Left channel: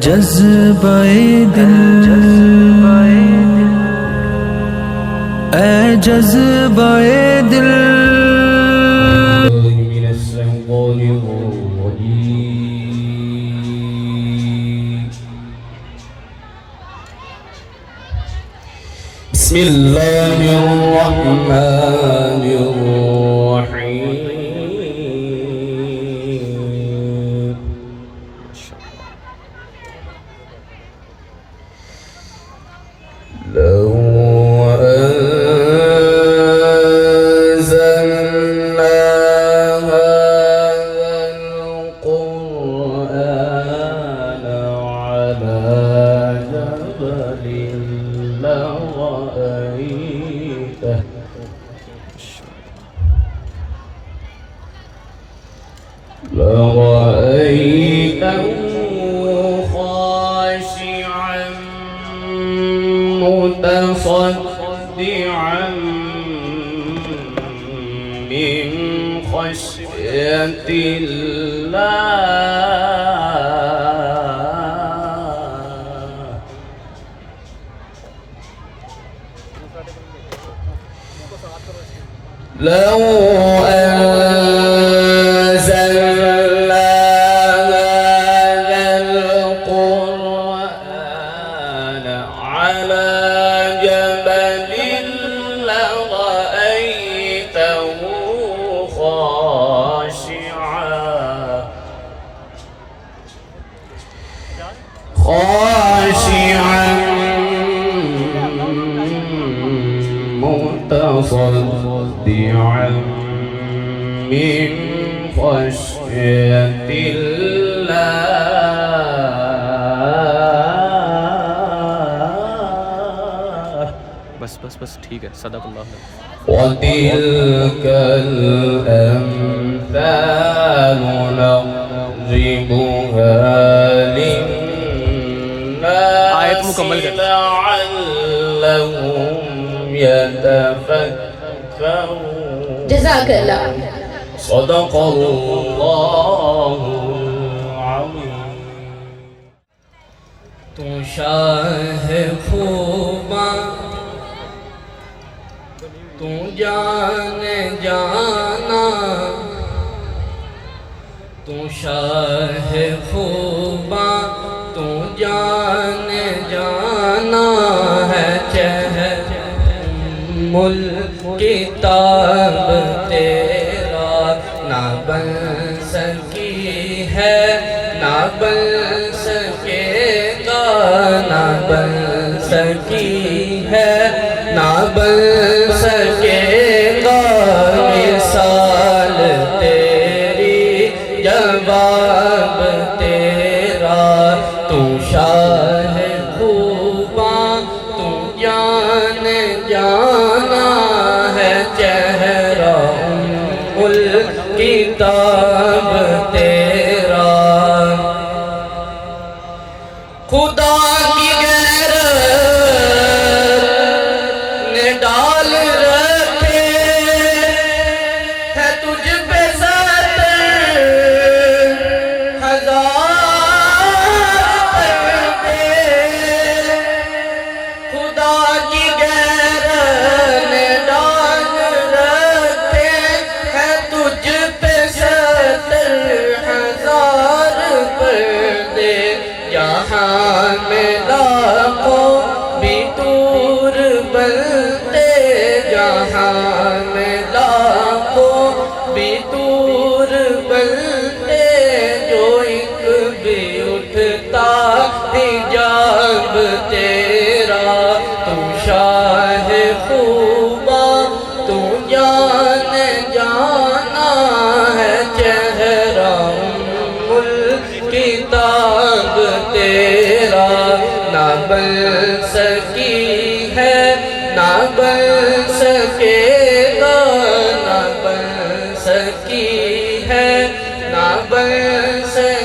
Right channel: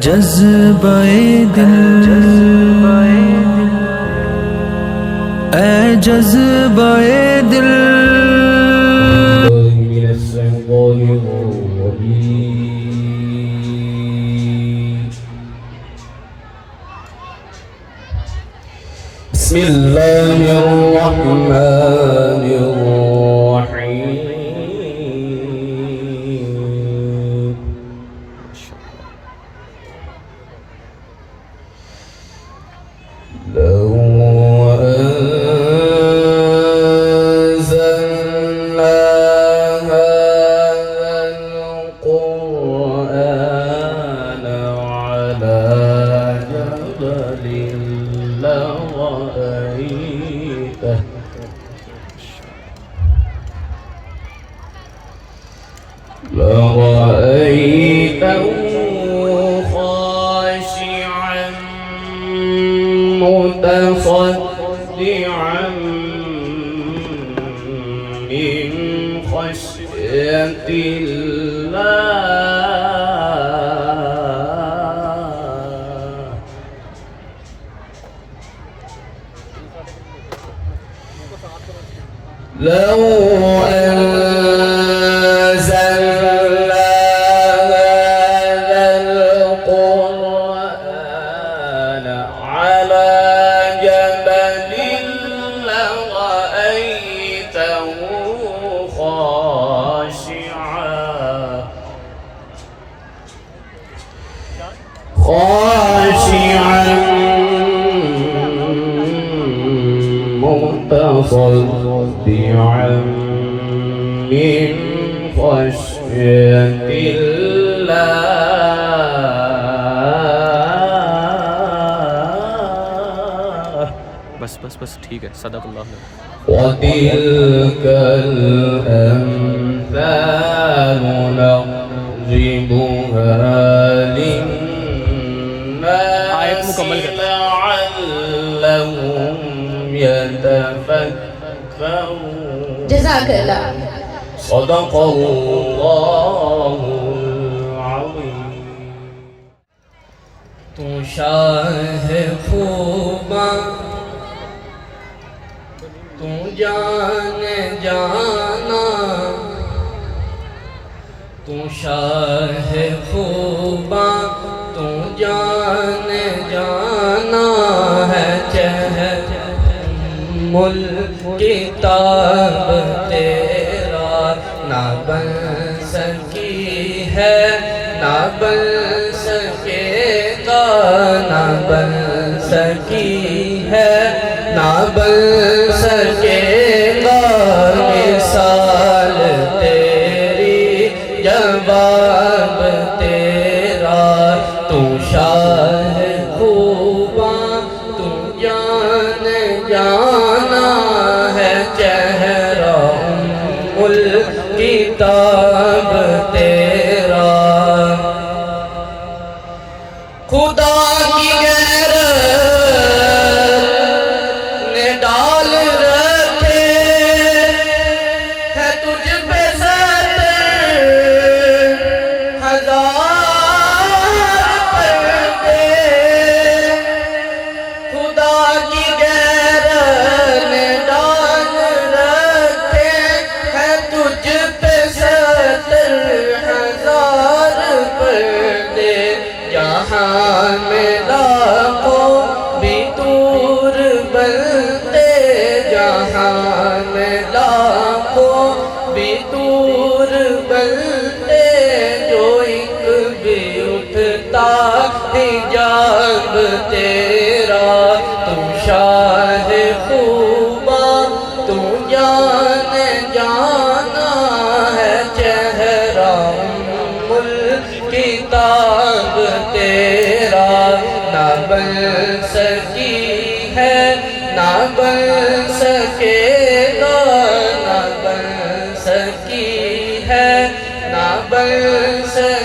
جذبہ دل، اے جذبہ دل، من الشیطان الرجیم بسم اللہ الرحمن الرحیم لو أنزلنا هذا القرآن على جبل لرأيته خاشعا متصدعا من خشية الله لو أنزلنا هذا القرآن على جبل لرأيته خاشعا متصدعا من خشية الله بس ٹھیک ہے، صدق اللہ علیہ وتلك الأمثال نضربها آیت مکمل للناس کر لعلهم يتفكرون جزاک اللہ. صدق اللہ العظیم. تو شاہ خوباں تو جان جانا، تو شاہ خوباں تو جان جانا ہے. چہرہ ملک کتاب تیرا نہ بن سکی ہے، نہ بن سکے گا، نہ بن سکی ہے، نہ بن سکے گا. مثال تیری جواب تیرا، تو شاہ خوباں تو جان جانا ہے. چہرہ کتاب تیرا خدا کی غیرت نے ڈال رکھے ہے تجھ پہ ستر ہزار پردے. خدا کی غیرت نے ڈال رکھے ہے تجھ پہ ستر ہزار پردے. جہاں میں لاکھوں بھی دور بنتے، جہاں میں لاکھوں بھی دور بنتے، جو ایک بھی اٹھتا حجاب تیرا. تو شاہ خوباں تو جان جانا ہے. چہرہ کتاب تیرا نہ بن سکی ہے، نہ بن سکے گا، نہ بن سکی ہے، نہ بن سکے